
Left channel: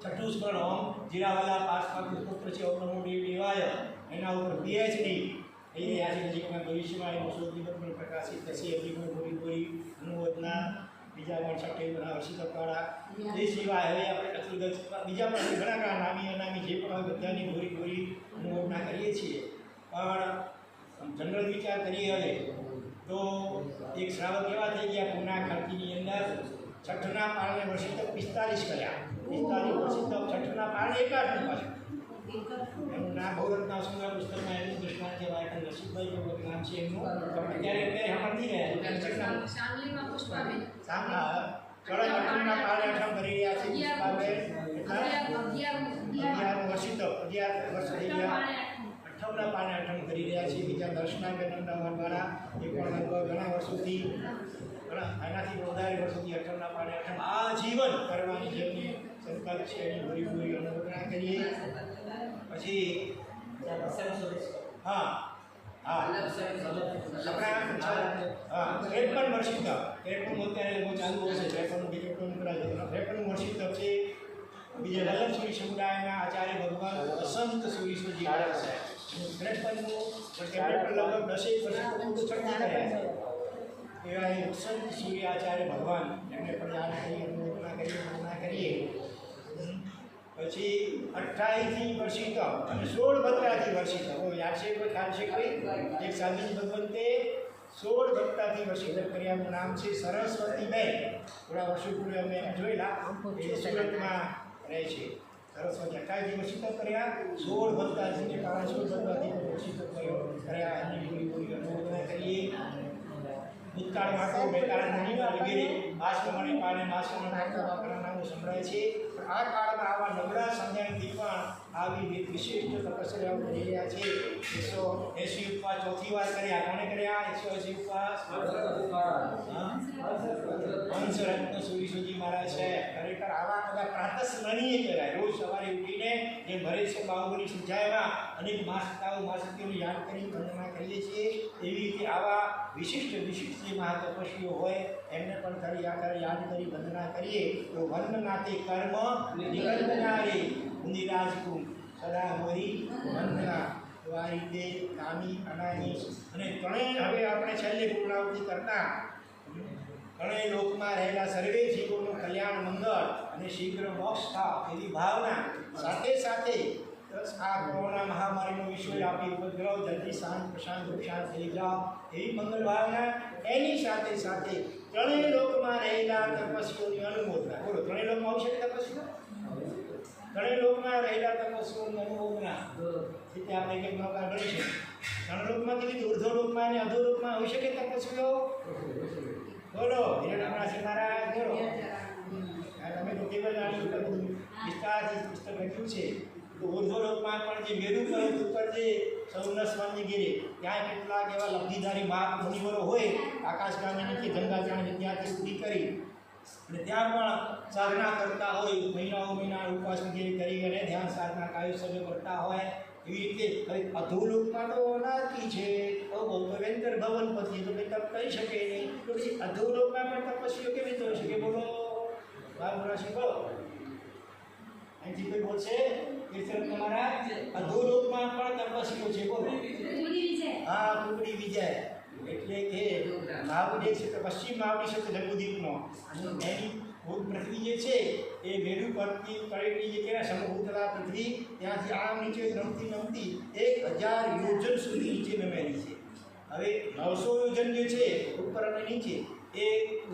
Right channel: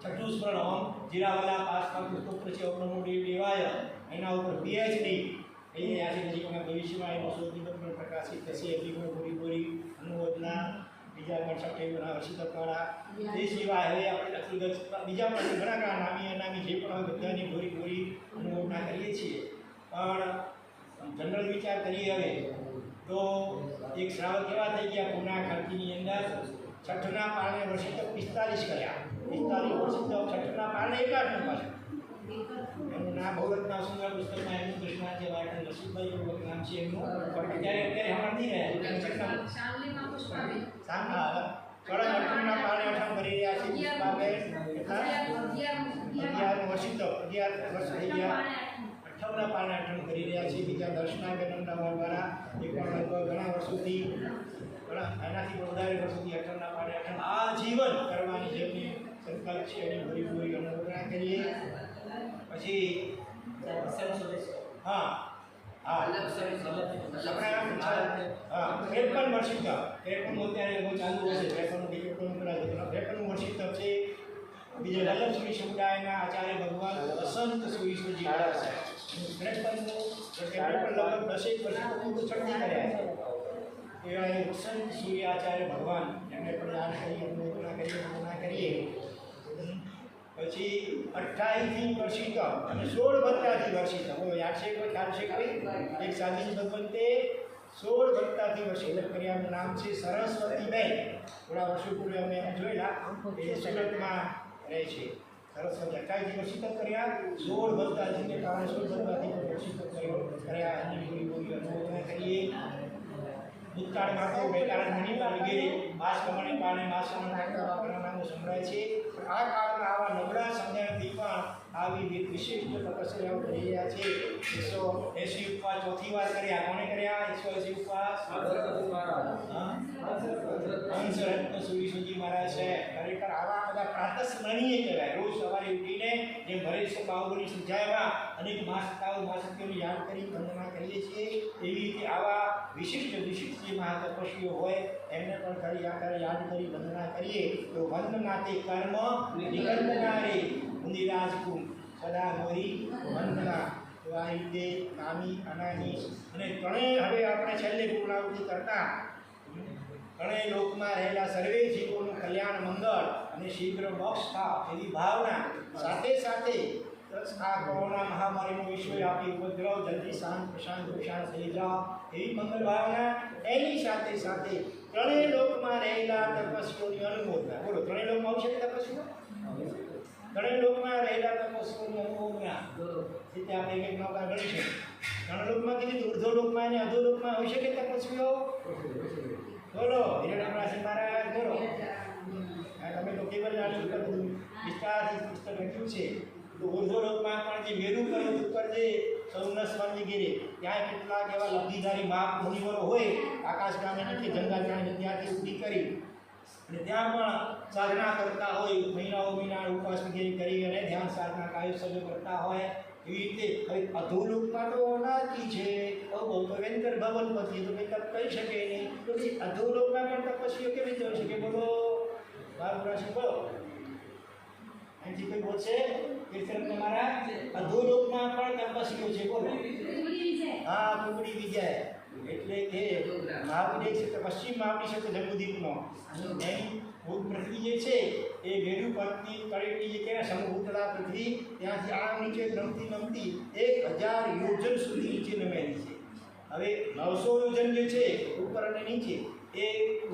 છઠ્ઠું સ્મરણ ઓમ જીરાવાલા પાસ સ્તોત્ર છે ઓમ નમો દેવાય એના ઉપર પીએચડી થઈ રહ્યા છે. નજીકના ભવિષ્યમાં એનો શોધનિબંધ પણ પ્રકાશિત થશે. એમની પણ પૂરી અનુમોદના બીજા પણ 60 વર્ષી તકવાળા એ સિવાય હવે આપણે બીજા પણ ઘણા નામી અનામી જે પણ હોય બધાની પૂરી અનુમોદના કરીએ છીએ. પણ જનરલ વિચાર કરીએ હવે તો એક શ્રાવક એવા થઈ ગયા પૂના ખાંતીની અંદર છઠ્ઠના પારણે વર્ષિત 45 કર્યા. 45 વર્ષિત છઠ્ઠના પારણે 61 પાછું. એનું નામ બહુરત્ના સુંદર પુસ્તકમાં એમનું કૃષ્ણાંજે વાયકણ નસીબભાઈ એવું નામ છે એમનું. અત્યારે હમણાં નહીં રહ્યા. કળશ અઠમના પારણે અઠમ કરી રહ્યા છે. પુષ્પાબેન કેટલા 11 વર્ષિત 11 વર્ષ થઈ ગયા. અઠમના પારણે અઠમ કરી રહ્યા છે. બીજા દર્શનાબેન અમદાવાદ દ્વારા એ પણ લગભગ ઘણા વર્ષોથી એનાથી પણ વધારે વર્ષોથી અઠમના પારણે અઠમ આ જીવન કરવાની જેમની સંકલ્પ છે એની ભરી ભરી અનુમોદના કરીએ. પછી હા હા આપણે 53 વર્ષિત 53 અત્યારે બહુ ચાલુ હશે. 53 ટિકિટનું કરાય 53 વર્ષિત છે. બીજા વલ્લભ સુરી સમુદાયના આચાર્ય ભગવાન વસંત સુરીશ્વરજી મહારાજ સાહેબ 53નું વર્ષે પણ લગભગ 10 વર્ષ તો છઠ્ઠી કર્યા છે. એવા એ વસંત સૂર્ય આચાર્ય ભગવાન એમને પણ યાદ કરી અનુમોદના કરીએ. પછી 28થી વર્ષિત અને 16 ભત્તાથી વર્ષિત. યાદ છે કોઈ ખ્યાલ છે કોઈ? એક સાધીજી ભગવંતે 16 ભત્તાથી વર્ષિત કર્યાનું નામ છે સરસ્વતીબેન. થોડા વર્ષો પૂર્વે અમે જોયેલા એ સુરતમાં રહે છે. સરસ્વતી 28થી વર્ષિત કર્યા. 16 ભત્તાથીને કારણે 16 ભત્તાથી વર્ષિત કર્યા એની પૂરી અનુમોદના કરીએ. ભૂતકાળમાં તો બેતાળાં મુનિવર વગેરે માસ પ્રમાણે પાને માસ પ્રમાણે કરતા વાપરના નામો સંભળાય છે. પણ આ કાળમાં આવા નબળા સમજણથી પણ આવી વિશિષ્ટ તપસ્યાઓ કરી રહ્યા છે. 180 ઉપવાસ ચોથી વાર કર્યા. કોણે કર્યા 180 ઉપવાસ? હંસરત્ન સુરીશ્વરજી મહારાજ છે. ખરેખર આવા બધા પ્રાતસ્મરણીય કહેવાય. રોજ સવારે ઉઠીને જે ભરે છે બાહુબલી સંધ્યામાં અનેક મહાસત્તાઓ મહાશક્તિઓને યાદ કરી વંદના કરીએ છીએ. એવી રીતે આવા વિશિષ્ટ જે મહાતપસ્વીઓ હોય એમને પણ કરી યાદ કરી વંદના કરીએ તો વંદનાતે કર્મ નિકંદનારે મુનિરાજકુમ સદા મોરી વંદના. તો આ રીતે નામી અનામી અને ત્રણેય હવે આપણે છેલ્લે પૂર્ણાવૃત્તિ કરતા ત્રણેય લોકમાં રહેલા સર્વે જીવોનું કલ્યાણ મંગળ અને શીઘ્ર મોક્ષ થાય એવી ભાવના સાથે સાથે આ કોરોના મહામારીનો વિશ્વવ્યાપી ઉપદ્રવ જલ્દી શાંત થઈ જાઓ એવી મંગલ ભાવના. એની સાથે સાથે ત્રણેય લોકમાં રહેલા તપસ્વીઓની અનુમોદના. બોલો ત્રણેય લોકમાં આવી શકે તપસ્વીઓ? ત્રણેય લોકમાં રહેલા તપસ્વીઓની અનુમોદના રીતે આપણે એક નૌકા ગણીશું. ત્રણ લોકમાં કેવી ઉર્ધ્વ લોકમાં અને અધો લોકમાં હોઈ શકે તપસ્વીઓ? બોલો હિરણ્યરાશિ મહારાજ બોલો. તમે તો કેવલ આની ઉપર બધું વિસ્તારથી પુસ્તક લખ્યું છે. તો ઉર્ધ્વલોકમાં પણ જે મેરુ પર્વત ઉપર જે સૌનસ્વામી ગીરે ત્યાં કેટલાક એવા લબ્ધિધારી મહા મુનિવરો હોય આકાશગામી નીચે ગંગા જાણે ત્યાંથી ઊભી કરી અને ત્યાં પણ સાધના કરતા હોય. મહિના ઉપવાસ વગેરે કરી અને ધ્યાન સાધના કાયો સર્વ કરતા હોય. એવી રીતે હવે અધોલોકમાં તો અનાર્કી છે વેંતર ભવનપતિ તો કંઈ તપ કરી શકે નહીં. તો અધોલોકમાં પણ તપસ્વીઓ કેવી રીતે હોઈ શકે? બોલો બાબુરાશી બોલો. અહીંથી કોઈ બોલશે? કીર્તન તમારા અધોલોકમાં પણ તપસ્વીઓ છે. બોલો. હા કુકડી વિજય એટલે કે મહાબુદ્ધ છે પશ્ચિમ માવડી છે જંબુદ્વીપનો એની ભૂત પૃથ્વી જે છે એ વેડુ પરથી તળેટી જે કહેવાય સમભૂતલા પૃથ્વી ત્યાંથી આમ નીચે નમતી 1000 યોજન સુધી નીચે નમેલી છે. હવે 900 યોજન જે છે ઉપર અને નીચે એ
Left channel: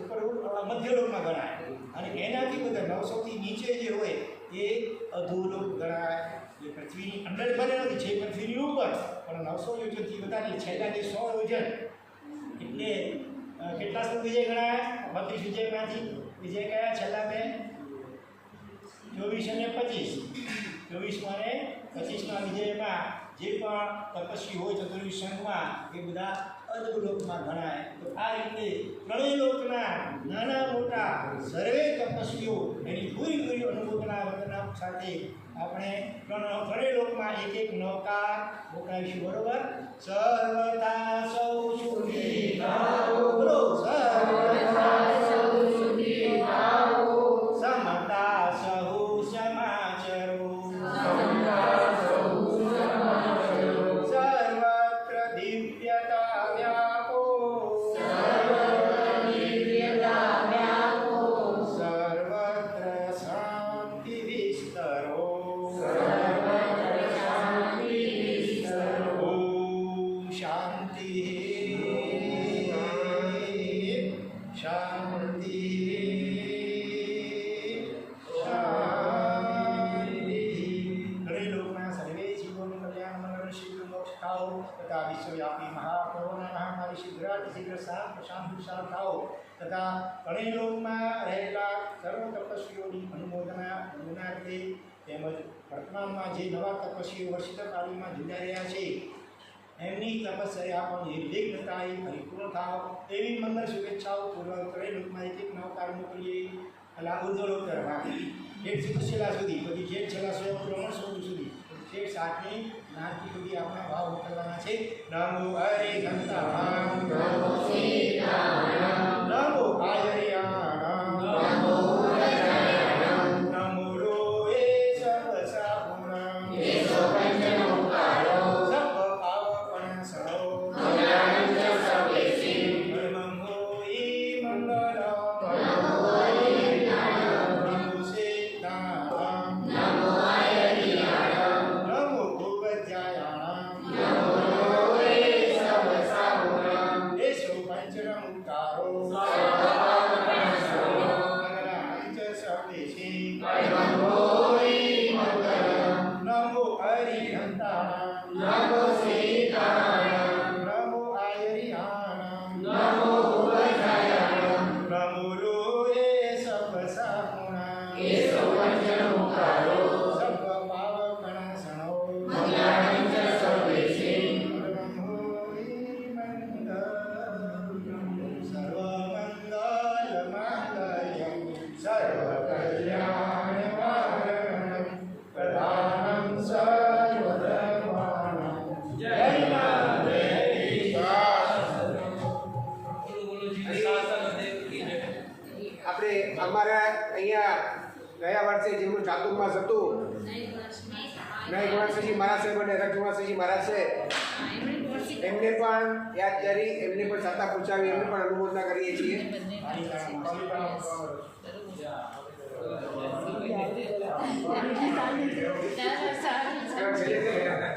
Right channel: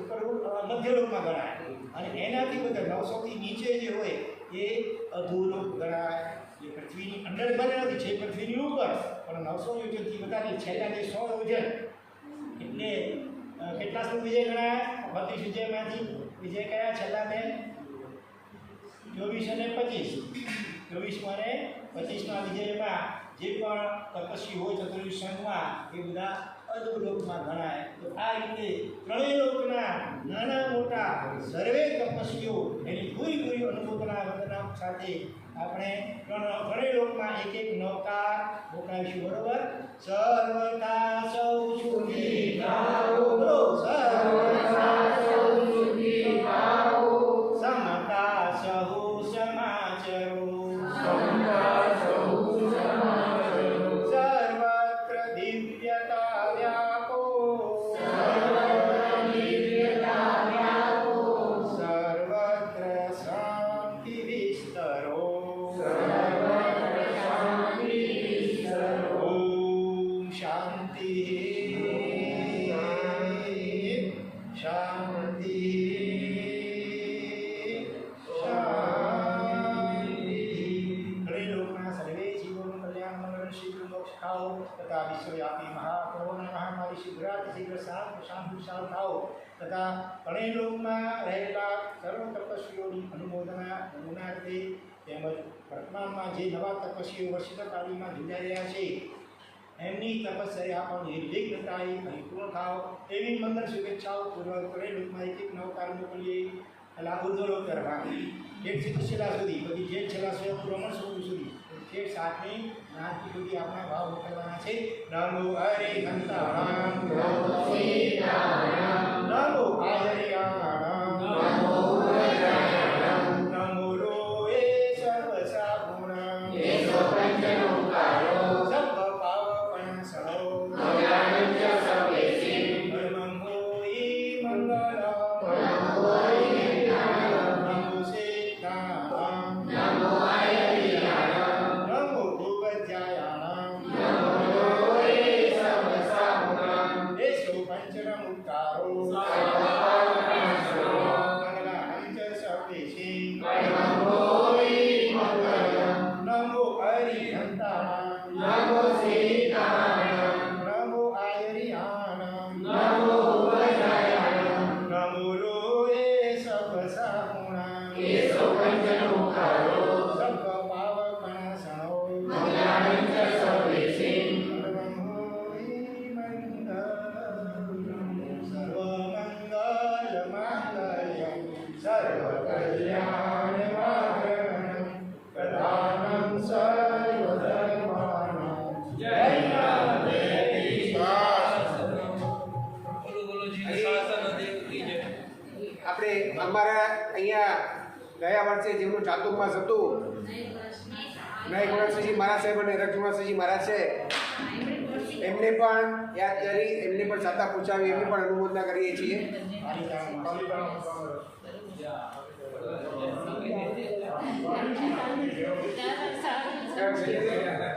ઉપર મધ્યલોકમાં ગણાય અને એનાથી બધા 900થી નીચે જે હોય એ અધોલોક ગણાય. જે પૃથ્વીની અંદર બને નથી છે પૃથ્વીની ઉપર પણ 900 યોજનથી વધારે છેલ્લા જે 100 યોજન એટલે કેટલા સુધી વિજય ગણાય? 32 વિજયમાંથી વિજય કયા છેલ્લા બે? 24 અને 25. 24માં અને 25માં વિજયમાં જે પણ તપસ્વી હોય ચતુર્યુગ સંઘમાં એ બધા અધોલોકમાં ગણાય. તો આ રીતે ત્રણેય લોકના નાના મોટા સર્વે તપસ્વીઓ એની પૂરી અનુમોદના વંદના સાથે આપણે ત્રણેય લોકમાં એક નૌકા મોકલાવીશું. બરોબર? સર્વતા સૌ સુખી થાઓ. બોલો સર્વતા સૌ સુખી થાઓ. સમતા સહુ સમાચરો. સર્વત્ર દિવ્યતા વ્યાપો. સર્વત્ર શાંતિ વિસ્તરો. ઓમ શાંતિ શાંતિ. શીઘ્રાતિ શીઘ્ર શાંત વિશાળ થાઓ તથા ત્રણેય લોકમાં રહેલા સર્વ તપસ્વીઓની અનુમોદના ગુણાર્થે તેમજ વર્તમાનમાં જે નવા તપસ્વીઓ વર્ષિત કાળીમાં જોડાઈ રહ્યા છે એમની તપસ્યા પણ નિર્વિઘ્નતાએ પરિપૂર્ણ થાવ એવી મંગળ શુભેચ્છાઓ પૂર્વક ત્રણેય લોકમાં એક નવકાર મોકલીએ અલા ઉર્ધ્વલોક કરવા એક શિલા સુધી બધી જે છેલ્લા સ્વયં બ્રહ્મણ સ્વરૂપ સુધી જે સાતમી જ્ઞાનથી સુધી આપણા ભાવ મોકલવાના છે નમો હરે ઘંટાણામ નમો આયરિયાણામ નમો લોએ સર્વ સાગુણામ સર્વ પાવપણ સણો પરમં હોઈ મંગલમ નમો સિદ્ધાણામ નમો ભૂવજ્જાયાણામ એસો પંચરમુક્તારો મંગલાંચ સર્વેશી નમો હરિઘંટાણામ નમો આયરિયાણામ નમો લોએ સર્વ સાગુણામ સર્વ પાવપણાસણો પરમં હોઈ મંગલમ સર્વમંગલમાંગલ્યં સર્વકલ્યાણકારણં પ્રધાનં સર્વધર્માણાં જય આપણે અમારા અહીંયા ગયા વર્ષે જેમનું ચાતુર્માસ હતું નય ગુણાશ્રીજી મહારાજ સાહેબ અને રજ ગુણાશ્રીજી મહારાજ છે એમને પણ યાદ કરી એમને પણ સાતા પૂછાવી એમને પણ અનુમોદના કરીએ છીએ. Terima kasih.